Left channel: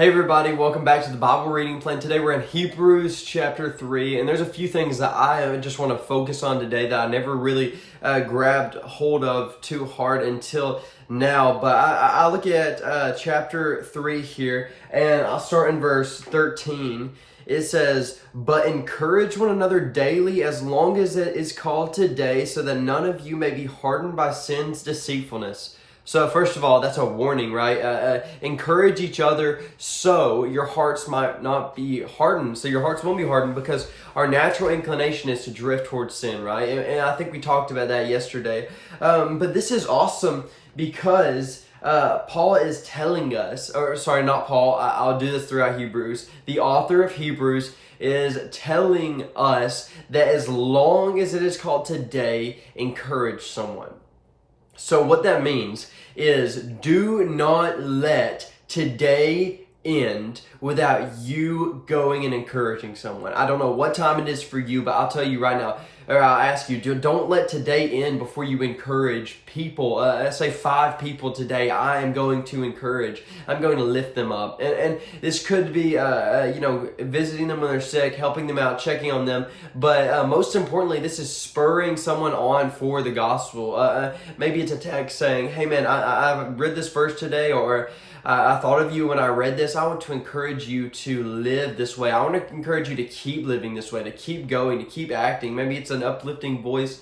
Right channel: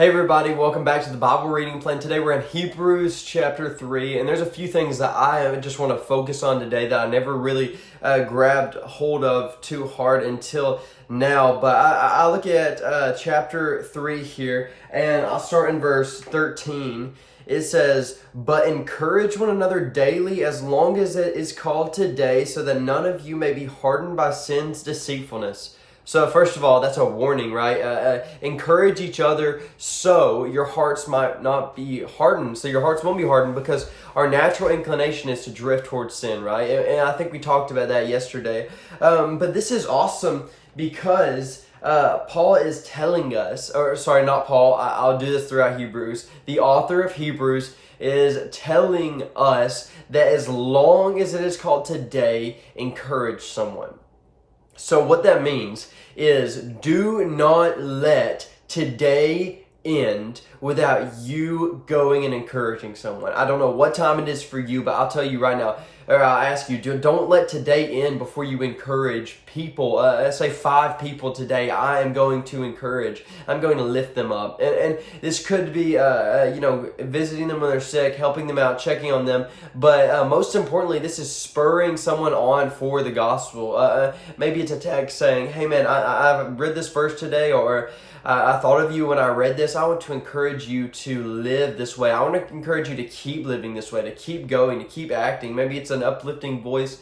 Hey everybody, welcome back to the Bible reading plan. Today we're in Hebrews chapter 3, and there's a few things that I just want to focus on today that I never really grabbed hold of too hard until now. But I look at chapter 3 here, and I'll start in verse 13. It says, "But encourage one another daily as long as it is called today, so that none of you may be hardened by sin's deceitfulness." So first of all, that's a warning, right? Encourage each other so your hearts might not be hardened. So your hearts won't be hardened, because our natural inclination is to drift towards sin, right? And I think we talked about that yesterday. But this is awesome because Paul is telling us, or sorry, not Paul, I'll do this throughout Hebrews. The author of Hebrews is telling us that as long as it is called today, encourage someone. So what that means is, do not let today end without you going and encouraging someone. I don't know what time it is for you, but I'll tell you right now, or I'll ask you, don't let today end before you encourage people. Let's say 5 people today I am going to encourage. I'm going to lift them up. And this could be, visiting them when they're sick, helping them out, checking on them. But most importantly, this is spurring someone on for the gospel. Maybe it's a text saying, "Hey man, I read this verse today," or "I thought of you when I read this. I want to encourage you to live this way. I want to encourage you to keep living this way, to keep going, to keep acting." Maybe it's an uplifting voice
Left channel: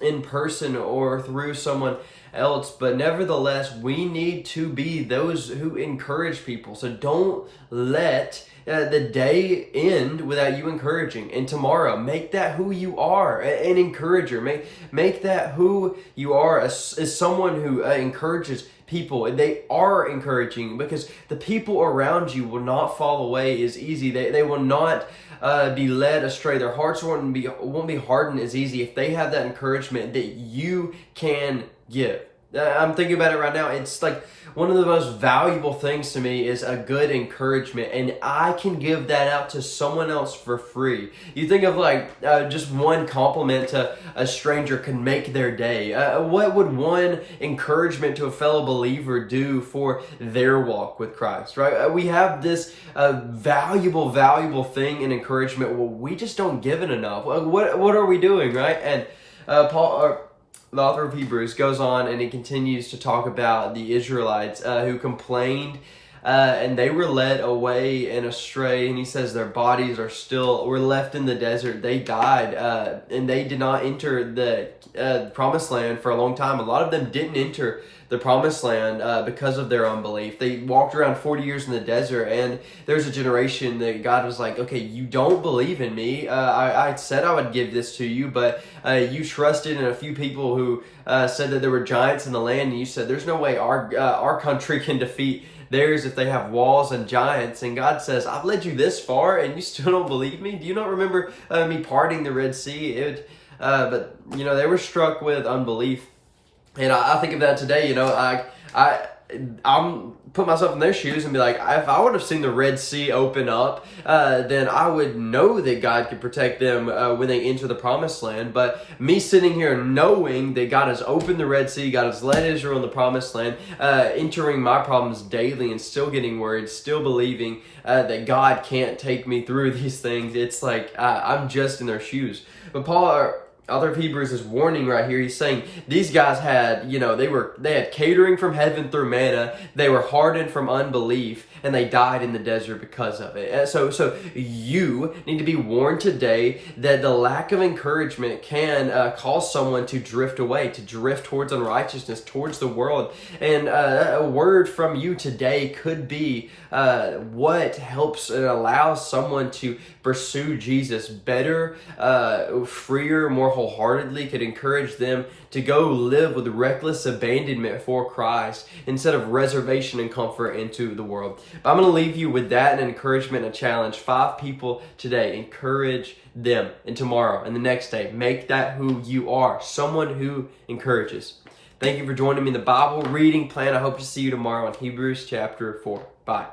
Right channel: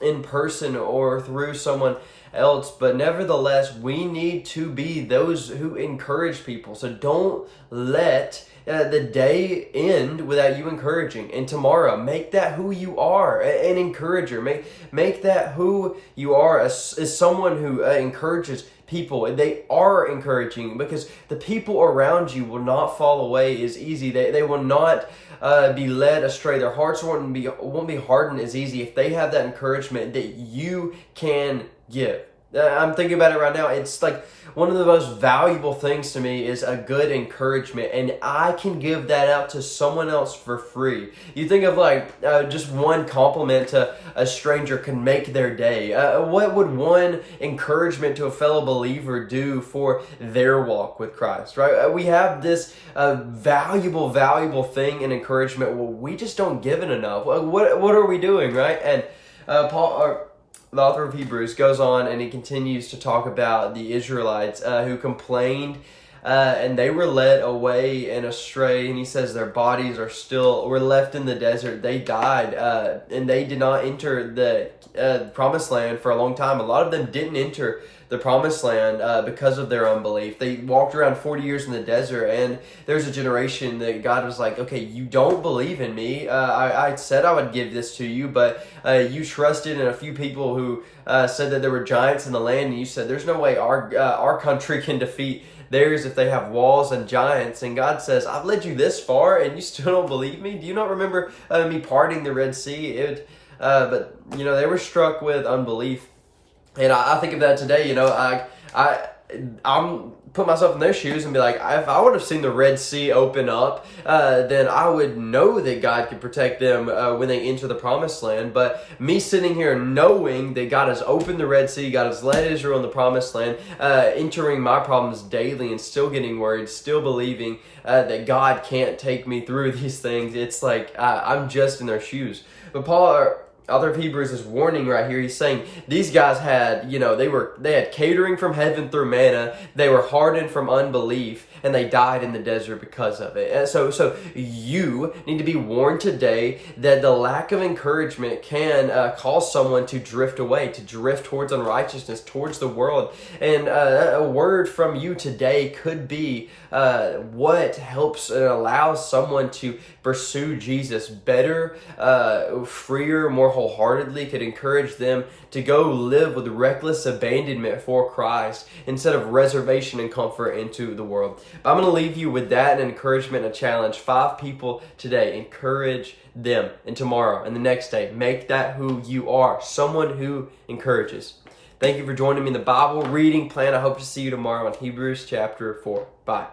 in person or through someone else. But nevertheless, we need to be those who encourage people. So don't let the day end without you encouraging. And tomorrow, make that who you are, an encourager. Make that who you are, as someone who encourages people. They are encouraging, because the people around you will not fall away as easy. They will not be led astray. Their hearts won't be hardened as easy if they have that encouragement that you can give. I'm thinking about it right now. It's like one of the most valuable things to me is a good encouragement, and I can give that out to someone else for free. You think of just one compliment to a stranger can make their day. What would one encouragement to a fellow believer do for their walk with Christ, right? We have this valuable thing in encouragement. Well, we just don't give it enough. What are we doing, right? And Paul, the author of Hebrews, goes on and he continues to talk about the Israelites who complained and they were led away and astray. And he says their bodies were left in the desert. They died and they did not enter the promised land for a long time. A lot of them didn't enter the promised land because of their unbelief. They walked around 40 years in the desert, and there's a generation that God was like, "Okay, you don't believe in me. I said I would give this to you, but you trusted in a few people who said that there were giants in the land, and you said there's no way our country can defeat theirs if they have walls and giants." And God says, "I've led you this far, and you still don't believe me? Do you not remember me parting the Red Sea?" But they were struck with unbelief. And I think of that today. I'm put myself in their shoes and be like, if I would have seen the Red Sea open up, then I would know that God could protect them when they enter the promised land. But me sitting here knowing that God has opened the Red Sea, God has led Israel in the promised land, entering my problems daily and still getting worried, still believing that God can't take me through these things, it's like I'm just in their shoes. But Paul, author of Hebrews, is warning right here. He's saying these guys had, they had catering from heaven through manna. They were hardened from unbelief, and they died in the desert because of it. And so you need to be warned today that the lack of encouragement can cause someone to drift away, to drift towards unrighteousness, towards the world. And a word from you today could be what helps and allows someone to pursue Jesus better, freer, more wholeheartedly, could encourage them to go live with reckless abandonment for Christ instead of reservation and comfort into the world. But I'm going to leave you with that, an encouragement, a challenge. 5 people today, encourage them. And tomorrow and the next day, make that who you are, someone who encourages. Thank you for joining me in the Bible reading plan. I hope to see you tomorrow in Hebrews chapter 4. Bye.